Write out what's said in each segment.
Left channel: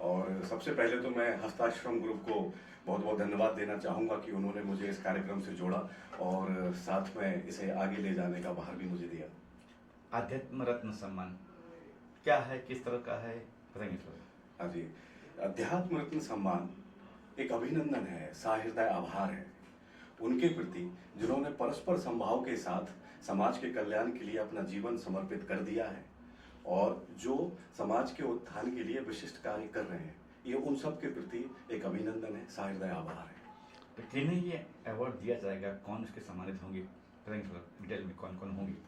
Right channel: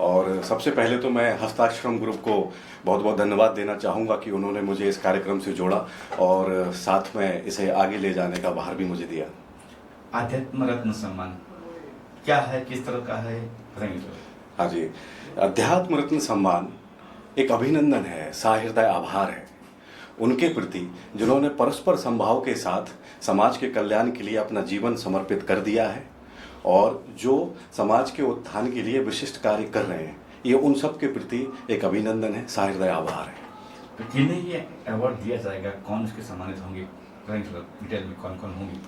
और सबसे पहले तो मैं हस्ताक्षरम ग्रुप को बहुत बहुत धन्यवाद देना चाहूँगा कि उन्होंने मुझे इस कार्यक्रम से जोड़ा और साथ में इसे आगे ले जाने का भार भी मुझे दिया। आध्यात्म रत्न सम्मान क्या है, किस तरह का है, बताएंगे सर? हाँ जी, अध्यात्म रत्न सम्मान एक अभिनंदन है, साहृदय आभार है उनके प्रति जिन्होंने परस्पर संभाव के साथ समाज के कल्याण के लिए अपना जीवन समर्पित कर दिया है और जो समाज के उत्थान के लिए विशिष्ट कार्य कर रहे हैं। ये उन सब के प्रति एक अभिनंदन है, साहृदय आभार है। तो किन्हें ये अवार्ड दिया जाएगा, कौन इसके सम्मानित होंगे, बताएंगे सर डिटेल में कौन कौन होंगे?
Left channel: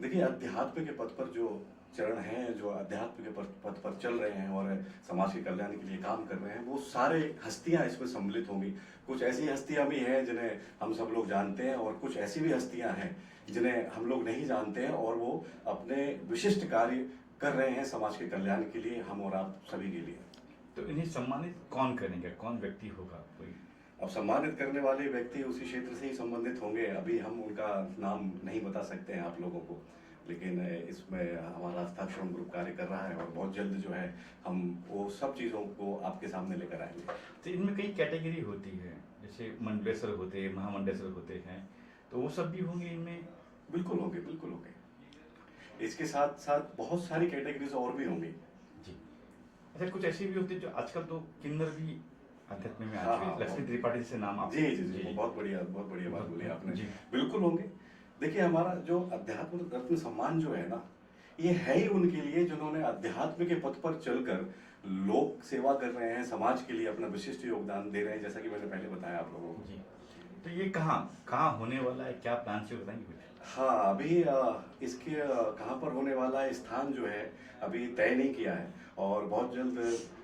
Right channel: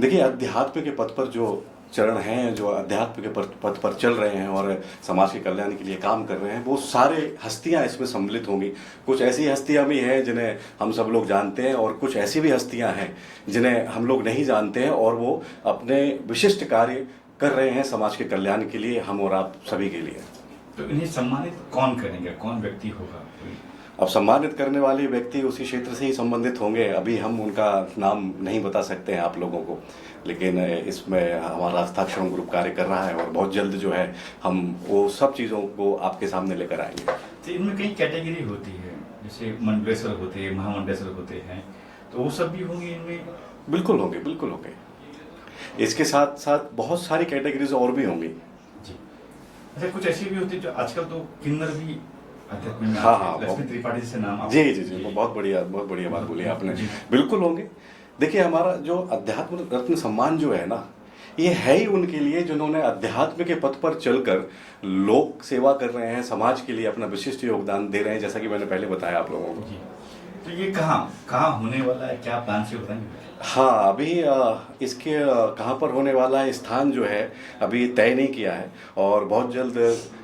देखिए, अध्यात्म के पथ पर जो चरण हैं, जो अध्यात्म के पथ पर चल रहे हैं और समाज के कल्याण के लिए काम कर रहे हैं, वो सारे हस्तियां इसमें सम्मिलित होंगी। कुछ ऐसी हस्तियां भी हैं जिन्हें हम सब लोग जानते हैं और कुछ ऐसी भी हस्तियां हैं जिन्हें हम लोग नहीं जानते हैं और वो अपने विशिष्ट कार्य कर रहे हैं समाज के कल्याण के लिए, हम और आप सभी के लिए। तो इन्हें सम्मानित कौन करेंगे, कौन व्यक्ति होगा? अब सम्मानित करने वाले व्यक्ति उसी क्षेत्र से ही संबंधित होंगे। अभी हम उनका नाम नहीं बता सकते हैं आप लोगों को, लेकिन इसमें हमारा हस्ताक्षरम ग्रुप कार्य कर रहा है और बहुत जल्द जो है हम वो सब चीज़ों को आपके सामने लेकर आएंगे। तो इनमें कई कैटेगरी होती है, जैसे मंडलेश्वर होते हैं, महामंडलेश्वर होते हैं, तो वो सब भी होंगे इनमें? बिल्कुल होंगे, बिल्कुल होंगे। इसके साथ साथ बहुत सारी कैटेगरीज और भी होंगी जी। अच्छा, कुछ ऐसी भी होती है जो आजकल तो किन्नर भी अध्यात्म में हाँ, लक्ष्मी त्रिपाठी से नाम जी जी जी, बहुत बढ़िया बात बोली आपने। बिल्कुल होंगे। देखिए, हमारा जो अध्यात्म रत्न सम्मान जो है ना, ये है ही उनके लिए जिन्होंने अध्यात्म के पथ पर चलकर लोक सेवा कर रहे हैं, समाज के लिए अपना विशिष्ट योगदान दे रहे हैं, जैसा कि मैंने पहले बताया आप लोगों को। तो ये कहाँ होने वाला है, क्या प्लान से बताएंगे? हाँ, अभी इसके कहाँ पर होने वाला है, स्थान जो है अभी तय नहीं किया है और बहुत जल्द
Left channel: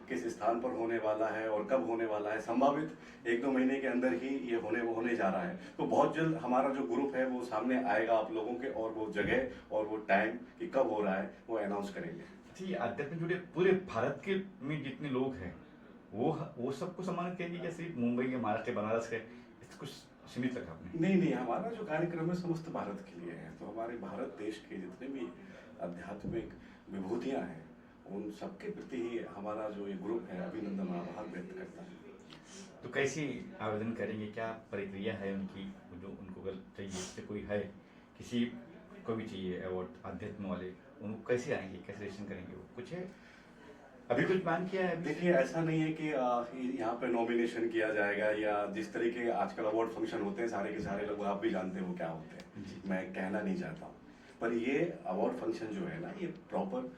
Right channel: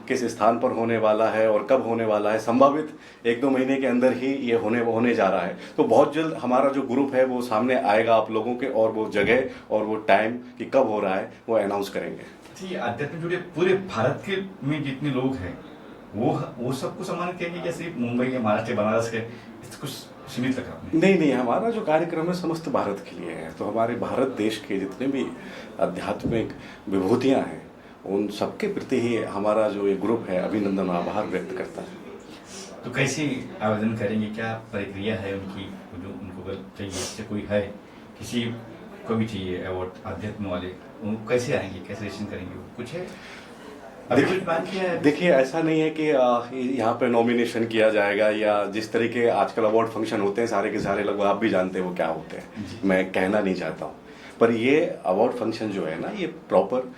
किस स्थान पर होने वाला है और कब होने वाला है, संभावित 1-2 महीने के अंदर ही ये होने जा रहा है। तो बहुत जल्द हमारा जो ग्रुप है वो सामने आएगा आप लोगों के, और वो जगह और वो टाइम कि कब हो रहा है वो अनाउंस करेंगे। जी, अध्यात्म जुड़े पूरे भारत के में जितने लोग हैं वो सबको सम्मानित करेंगे, जैसे मुंबई के, महाराष्ट्र, बनारस के, कुछ सीमित रखा आपने? नहीं, हमारा जो कार्यक्रम है समस्त भारत के लिए है। तो हमारे भारत देश के जितने भी आध्यात्मिक विभूतियाँ हैं उन सबके प्रति ही हमारा जो ये ग्रुप है अभिनंदन और आभार व्यक्त करता है। तो कैसे आवेदन करेंगे, क्या प्रक्रिया है उनकी, जो उनको अगर चाहिए, जैसे कोई है, किसी को भी चाहिए अवार्ड आध्यात्म वाले, वो कैसे आएंगे, कैसे रजिस्ट्रेशन करेंगे, कुछ है? देखिए, ऐसा नहीं है कि यहाँ पे नॉमिनेशन किया जाएगा या जिस तरीके आजकल अवार्ड फंक्शन होते हैं सारे के सारे, लगभग आप भी जानते हैं वो क्या होते हैं, मैं कहना नहीं चाहता हूँ। पर ये अवार्ड फंक्शन जो है ना, ये प्रॉपर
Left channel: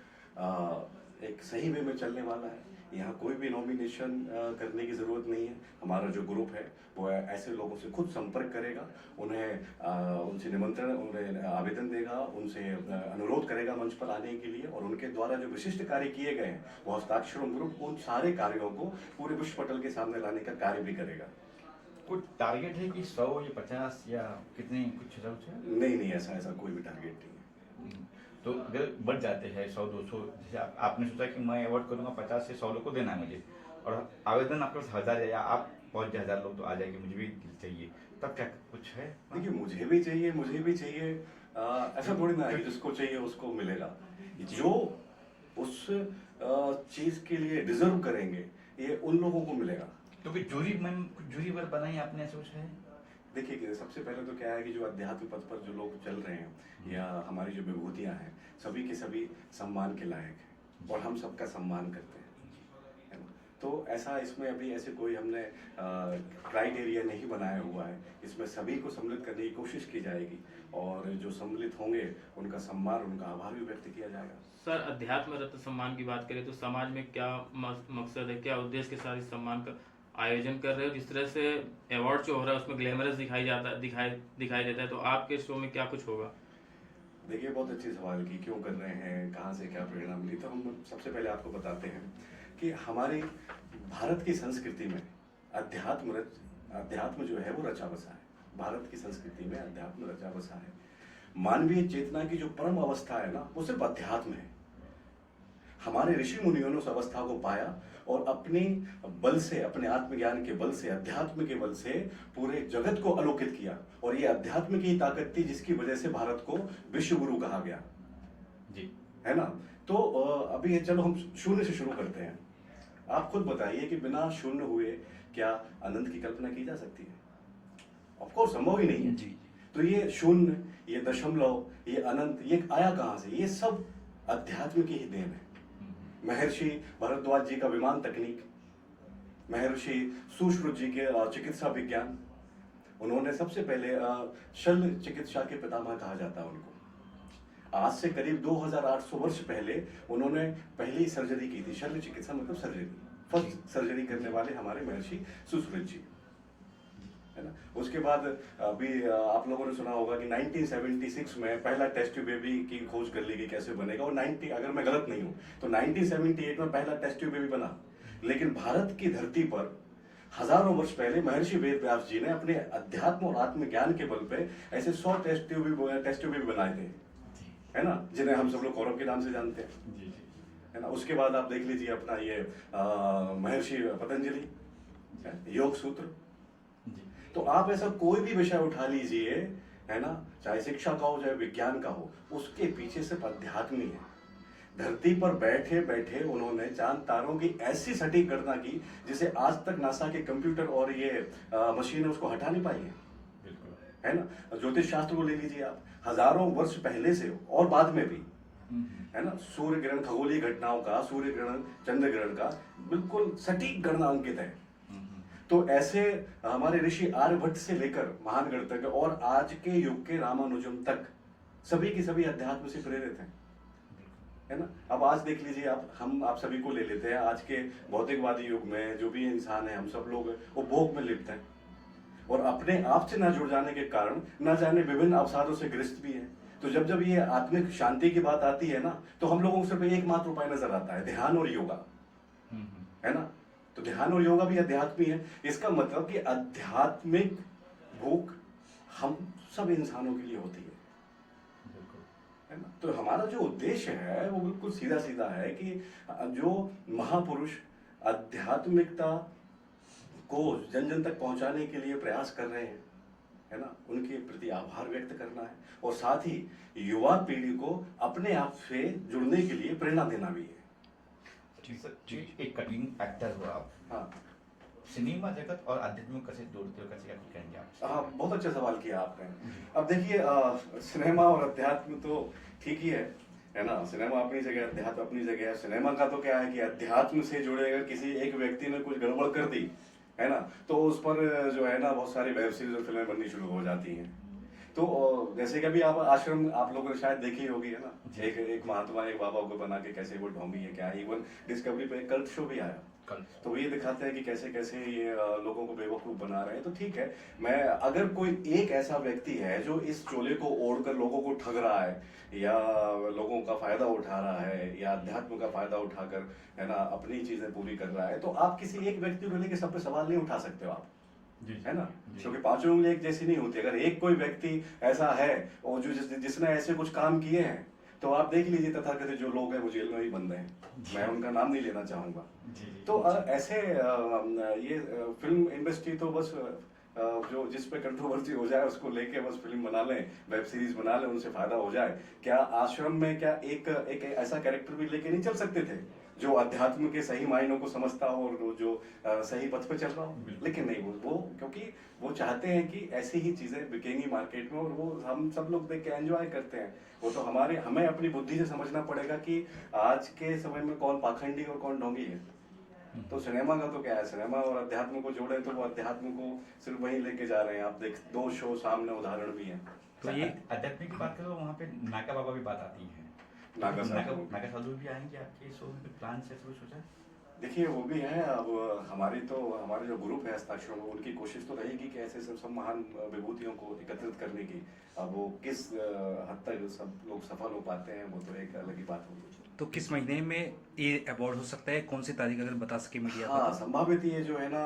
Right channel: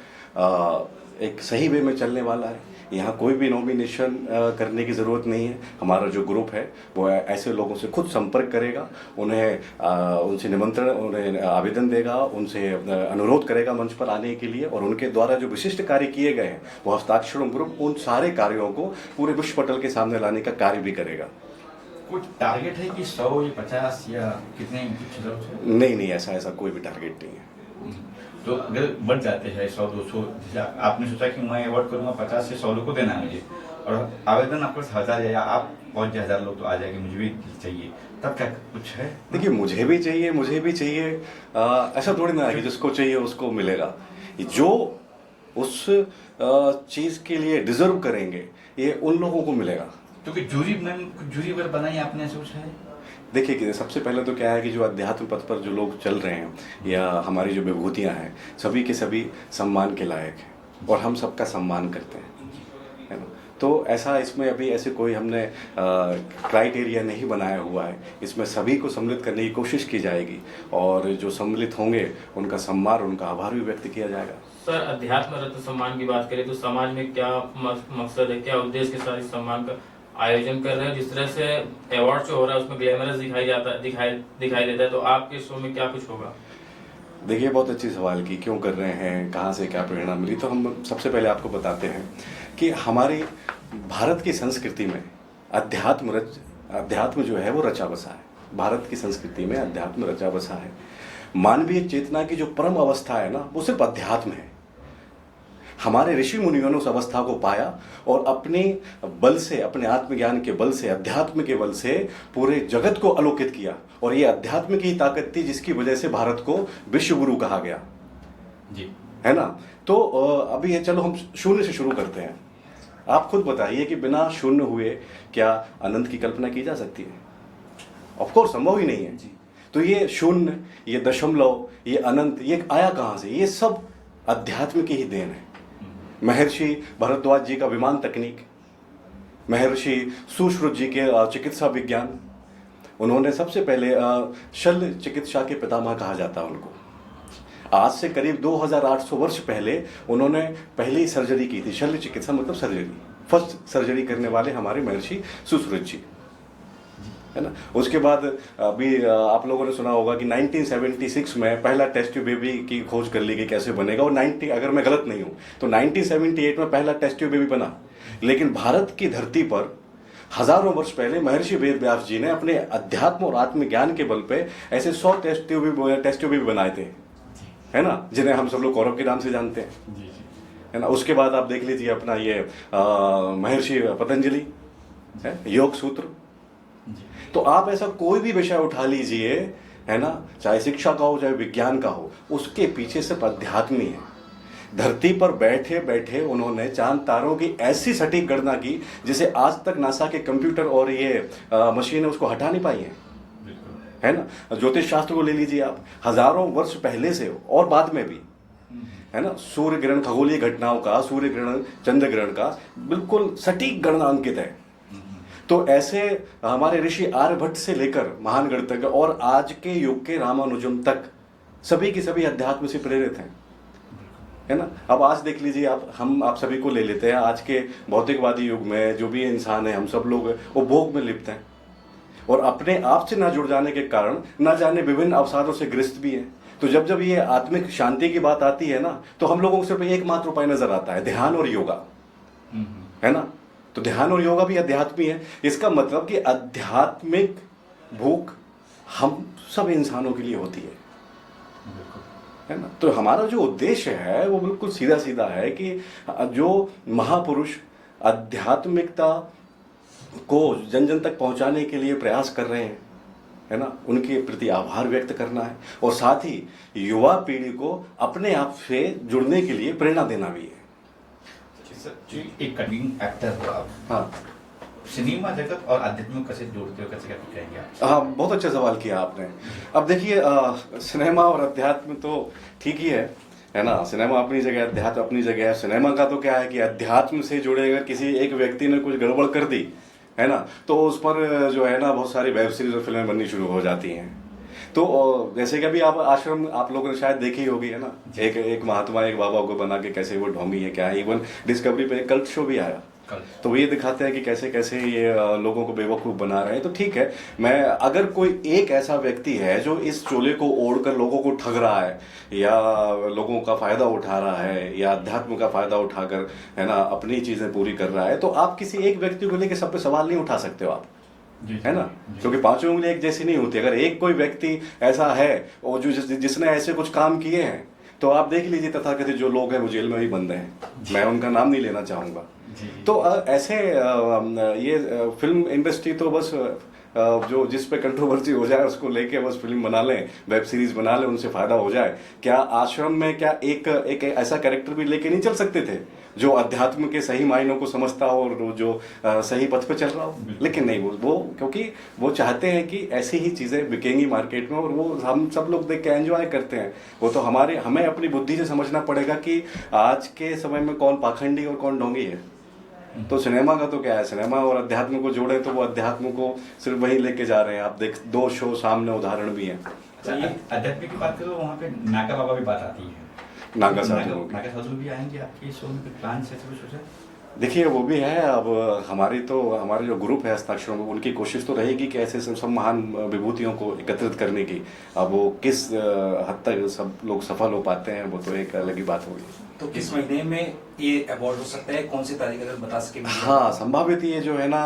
एक सही वे में चलने वाला है। यहाँ कोई भी नॉमिनेशन करने की ज़रूरत नहीं है। हमारा जो ग्रुप है वो ऐसे लोगों से खुद संपर्क करेगा, उनसे निमंत्रण, उन्हें आवेदन देगा, उनसे अनुरोध करेगा मंच पर आने के लिए, और उनके द्वारा जो विशिष्ट कार्य किए गए हैं वो हस्ताक्षरम ग्रुप उन सारे कार्यों को पूरे विश्व पटल के सामने लाने का कार्य भी करेगा। कुछ टारगेट है कि 100 या 50 या कितने, कुछ? नहीं, ऐसा कोई भी टारगेट नहीं है। तो अगर बढ़ जाते हैं 100-200, जैसे आपने सोचा कि मैं अवार्ड करूँगा 50 से 100 लोग को देना है मुझे, और आवेदन आपके पास 1000 या आप 5000 लोग तो आ जाएंगे, मुझे भी चाहिए, तब क्या कुछ है? देखिए, मुझे भी चाहिए, ऐसा थोड़ी ना है कि जिसको चाहिए उसको मिलेगा। जो उस चीज़ के लिए डिजर्व करेंगे ये उन लोगों को मिलेगा। तो कि जूरी अगर बनाई आपने, सोचा है? देखिए कि सबसे पहले तो क्या है कि जो अध्यात्म पथ पर जो लोग चल रहे हैं या हमारी जो विभूतियाँ हैं, सभी के सभी सम्मान के लायक हैं और हम सबका सम्मान करते हैं, है ना। तो ऐसा इसमें अभी ऐसे कोई हमने क्राइटेरिया नहीं बनाया हुआ है। इसमें सभी को सम्मिलित करने की कोशिश की जाएगी और जो सम्मिलित होंगे उनका सम्मान, उनका आभार भी व्यक्त किया जाएगा। सर, अध्यात्म रत्न सम्मान की बात करें तो समाज में क्या मकसद है, क्या उद्देश्य के साथ इस सम्मान का आयोजन कर रहे हैं? जिस तरह से अवार्ड जो हो रहा है उसमें ग्लैमरस दिखाई देता है, तो आपके शो में क्या कुछ होगा? देखिए, बहुत अच्छी सवाल की, क्यों कर रहे हैं, कहाँ से क्या प्रेरणा मिली। तो हम सबसे पहले आपको बताते हैं कि हमारी भारत की संस्कृति में अध्यात्म जो है वो रचा बसा है। भारत की संस्कृति में अध्यात्म रचा बसा है। मानवीय चेतना की जो परम अवस्था है ना, वो सिर्फ अध्यात्म है। हमारे ऋषि मुनियों ने उस अवस्था को पाया और अपने बल से, अपने आत्मज्ञान के बल से, अध्यात्म के बल से पूरे जगत को आलोकित किया, और ये अध्यात्म की ही ताकत थी जिसकी वजह से भारत को विश्व गुरु कहा गया जी, है ना। तो अभी ये चलो हम शून्य से शुरू करते हैं। आप खुद बताइए कि बिना शून्य हुए क्या अनंत की कल्पना की जा सकती है? ऑफ कोर्स संभव ही नहीं है जी। तो ये शून्य, ये दशमलव, ये अनंत, ये आया कहाँ से? ये सब अध्यात्म की ही देन है। महर्षि भरद्वाज जी का विमान तकनीक, महर्षि सुश्रुत जी के चिकित्सा विज्ञान, उन्होंने सबसे पहले शल्य चिकित्सा के पितामह कहा जाता है उनको। आज से करीब 2800 वर्ष पहले उन्होंने पहली सर्जरी की थी। शल्य चिकित्सा मतलब सर्जरी, फर्स्ट सर्जरी करने वाले हमारे महर्षि सुश्रुत जी, है ना। उसके बाद अभी आप लोगों ने सुना होगा कि 1976 में पहला टेस्ट ट्यूब बेबी की खोज कर ली गई, कैसे बनेगा। और 90, अगर मैं गलत नहीं हूँ तो 1978 में पहला टेस्ट ट्यूब बेबी बना। लेकिन भारत की धरती पर हजारों वर्ष पहले महर्षि वेद व्यास जी ने अपने अध्यात्म और आत्मज्ञान के बल पे ऐसे 100 टेस्ट ट्यूब भी बनाए थे, है ना, जिन्हें हम सब लोग कौरव के नाम से जानते हैं, है ना। उसके बाद आप देख लीजिए अपना ये महर्षि पतंजलि है, योग सूत्र। तो आप ऐसा कोई भी विषय उठा लीजिए, है ना, चाहे शिक्षा का हो चाहे विज्ञान का हो, उसके पीछे सिर्फ अध्यात्म ही है। धरती पर बैठे बैठे उन्होंने चांद तारों की ऐसी सटीक गणना की जिसे आज तक नासा के कंप्यूटर और ये मशीनें उसको हटा नहीं पाई हैं, है ना। ज्योतिष शास्त्र को ले लीजिए आप, हजारों वर्ष पहले से और बाद में भी, है ना, सूर्य ग्रहण, खगोलीय घटनाओं का, सूर्य ग्रहण, चंद्र ग्रहण का बिल्कुल सटीक गणना अंकित है। तो ऐसे हमारे ऋषि आर्यभट्ट से लेकर महान गणितज्ञ और आज के युग के रामानुजम तक सभी के सभी अध्यात्म से प्रेरित हैं, है ना। अब आज देख लीजिए आप सभी को ले लेते हैं। आज के भौतिकवादी युग में जो भी इंसान है, हम सब लोग वो भोग में लिप्त हैं और अपने आप से ना जुड़ जाने के कारण ना जाने विभिन्न अवसादों से ग्रस्त भी हैं। तो जब जब ये आत्मिक शांति की बात आती है ना, तो हम लोगों को सिर्फ एकमात्र उपाय नजर आता है, ध्यान और योगा, है ना। तो ध्यान और योगा भी अध्यात्म ही है। इसका मतलब कि आध्यात्मिक भूख हम सब इंसानों के लिए होती है ना। तो हमारा जो उद्देश्य है वो बिल्कुल सीधा सीधा है कि जो महापुरुष आध्यात्मिकता को जन जन तक पहुंचाने के लिए प्रयास कर रहे हैं, है ना, उनके प्रति आभार व्यक्त करना है और साथ ही युवा पीढ़ी को अपने आप से जुड़ने के लिए प्रेरणा देना भी है। एक कटिंग एक्टर हो आप, हाँ, सिनेमा जगत और आध्यात्म को कैसे जोड़ते हो, कैसे क्या कहेंगे आप? हाँ, बहुत अच्छा सवाल किया आपने। अब देखिए, सिनेमा और अध्यात्म तो ठीक ही है ना। सिनेमा अपनी जगह, अध्यात्म अपनी जगह है। सिनेमा का तो क्या है कि अध्यात्म से जुड़े अगर किसी एक व्यक्ति ने कुछ गड़बड़ कर दी, है ना, तो उस पर जो है ना बहुत सारी वेब सीरीज और फिल्में बननी शुरू हो जाती हैं। तो जैसे कि अभी आप आश्रम आप लोगों ने शायद देखी होगी, है ना, एक महात्मा एक बाबा को बना के कैसे वो ढोंगी है क्या है। इवन डिस्कवरी पे एक कल्ट शो भी आया, तो वो ये दिखाते हैं कि कैसे कैसे ये लोगों को बेवकूफ़ बना रहे हैं। तो ठीक है, मैं अगर कोई एक ऐसा व्यक्ति है जो इस चोले को ओढ़कर लोगों को ठग रहा है या लोगों का फ़ायदा उठा रहा है या अध्यात्म का फ़ायदा उठाकर, है ना, अपनी चीज़ें पूरी कर रहा है, तो आप किसी एक व्यक्ति को लेकर सब पे सवाल नहीं उठा सकते हो आप, है ना, क्योंकि पांचों उंगली एक जैसी नहीं होती। अगर एक कोई व्यक्ति ऐसा है और जो जिसने ऐसे कुछ काम किए हैं, तो आप देख लीजिए तथाकथित जो लोग हैं वो जेल में भी बंद हैं, मैं उनका नाम नहीं लेना चाहूँगा। तो ऐसे ये फिल्म इंडस्ट्री तो बस जो जिस पे कंट्रोवर्सी हो जाए उसको लेके बस फिल्म बना लें, वेब सीरीज बना लें, उनसे फायदा हो जाए। क्या आश्रम में क्या एक ऐसा कैरेक्टर भी लेके नहीं चल सकते थे जो अध्यात्म के सही मायनों को समझता हो और जो सही पथ पे चल रहा हो? लेकिन नहीं, वो क्योंकि वो चाहते हैं कि ऐसी ही चीज़ें बिकेंगी मार्केट में और वो हम सब लोग देख के एंजॉय करते हैं। वो तो हमें अपनी बुद्धि से समझना पड़ेगा कि आज के समय में कौन पाखंडी और कौन ढोंगी है। तो सिनेमा का तो क्या है, सिनेमा और अध्यात्म को जोड़े तो वो अध्यात्म को सिर्फ वहीं लेके जा रहे हैं। आप देख 2 शो सामने उदाहरण भी हैं। अध्यात्म की बात करो, वहाँ पे नागा बाबा भी बात आती है, नागा साधु भी आएंगे आपके शो में, प्लान से सोचा? देखिए वो भी है। अब हमारे जो ग्रुप है हस्ताक्षरों में, उनकी कोशिश तो रहेगी कि ऐसे सब महान विभूतियों को एकत्रित करने की। अब वो किस हद तक सब लोग सफल हो पाते हैं वो तो एक अलग ही बात होगी। तो किस महीने में ये अवार्ड हो सकता है, कौन सी तारीख अगर बता सके? हाँ, संभावित ये जो है ना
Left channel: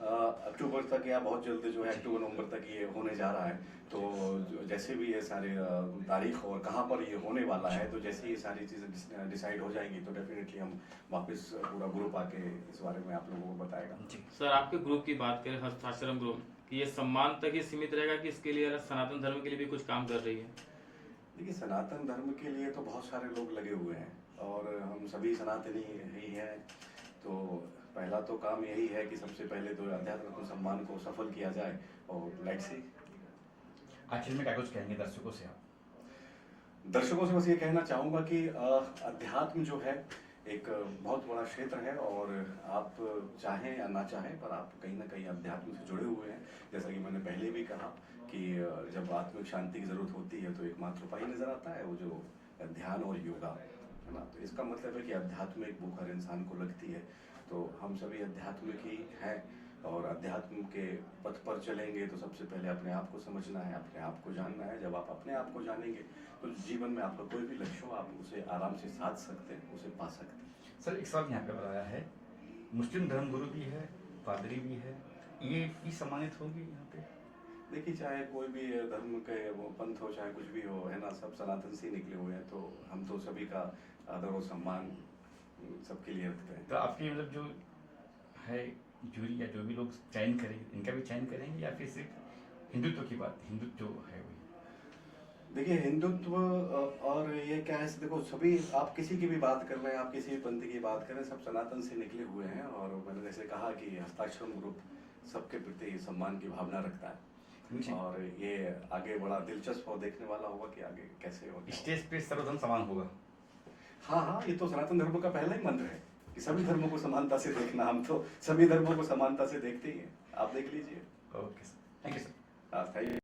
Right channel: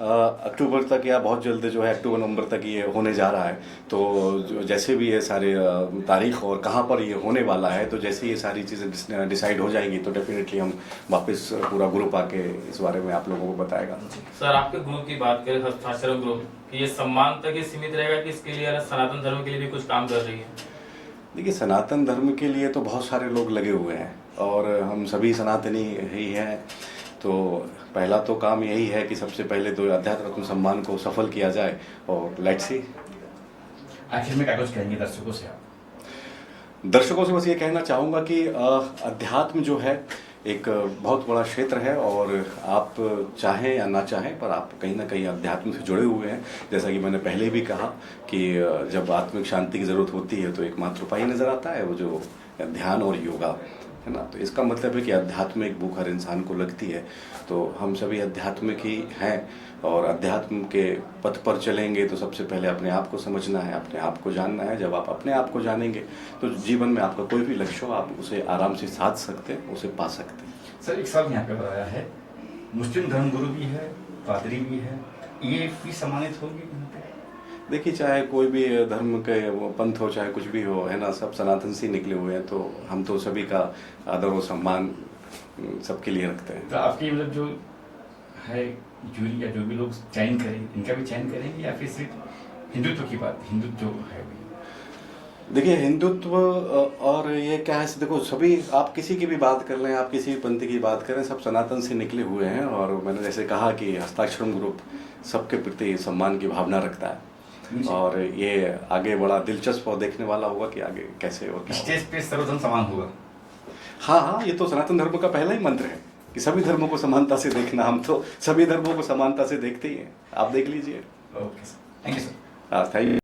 अक्टूबर तक या बहुत जल्द जो है अक्टूबर नवंबर तक ये होने जा रहा है। तो जैसे भी ये सारे तारीख और कहाँ पर ये होने वाला है, तो जैसे ये सारी चीज़ें डिसाइड हो जाएंगी तो डेफिनेटली हम वापस पूरा ग्रुप आके इस बारे में आप लोगों को बताएगा। सर, आपके ग्रुप की बात करें, हस्ताक्षर ग्रुप, ये सम्मान तक ही सीमित रहेगा कि इसके लिए सनातन धर्म के लिए भी कुछ काम कर रही है? देखिए, सनातन धर्म के लिए तो बहुत सारे लोग लगे हुए हैं और हम सभी सनातनी ही हैं। तो पहला तो काम यही है कि सबसे पहले तो अध्यात्म रत्न सम्मान को सफल किया जाए और लेट्स सी। आखिर में क्या कुछ कहेंगे दर्शकों से आप? दर्शकों से बस ये कहना चाहूँगा कि अध्यात्म जो है एक बहुत बड़ा क्षेत्र है और आप चाहें या ना चाहें पर आप कहीं ना कहीं अध्यात्म से जुड़े हुए हैं। जैसा कि मैंने पहले भी कहा कि जब आत्मिक शांति की ज़रूरत होती है तो एकमात्र उपाय नज़र आता है वो जो ध्यान और योगा है ना। तो इसका मतलब है कि अध्यात्म एक भूख हर इंसान को लगती है। तो हम सभी अध्यात्म ही हैं और अध्यात्म के पथ पर चलेंगे तो सबसे पहले अपने आप को समझना है, अपने आप को जानना है। जब आप अपने आप को जानेंगे तो जीवन में आपका कोई भी लक्ष्य हो आप उसे आराम से साध सकते हैं, उसे पा सकते हैं। सर एक सवाल यहाँ पे बताया है, मुस्लिम धर्मगुरु भी है, पादरी भी है, ये भी सम्मानित होंगे यहाँ पे? देखिए चाहे कोई भी धर्म के वो पंथ हो चाहे कुछ भी हो है ना, सब सनातन से निकले हुए हैं। तो हम तो सभी का आदर और सम्मान सबके लिए रखते हैं। तो आपकी मतलब जो है जूरी या जो भी लोग चयन करें इनका भी चयन करेंगे या फिर सिर्फ हिंदुत्व की बात, हिंदुत्व जो है देखिए हिंदुत्व और ये क्या है, देखो सभी आप किसी की भी बात कर लें, आप किसी भी पंथ की बात करें, सब सनातन से निकले हुए हैं। और मैंने जैसे कहा कि हस्ताक्षरम ग्रुप सबके प्रति सम्मान की भावना रखता है और ये आगे बड़ा दिलचस्प और देखने वाला होगा कि आगे कैसे और क्या स्टेज पे सर्वधर्म समान होगा। हाँ हाँ, ये तो सनातन धर्म का पहला ही मंत्र है कि सभी धर्मों को समानता से देखना। हम तो सभी धर्मों को समानता से देखते ही हैं, आप देख लीजिए। Okay sir, thank you sir. हाँ थैंक यू।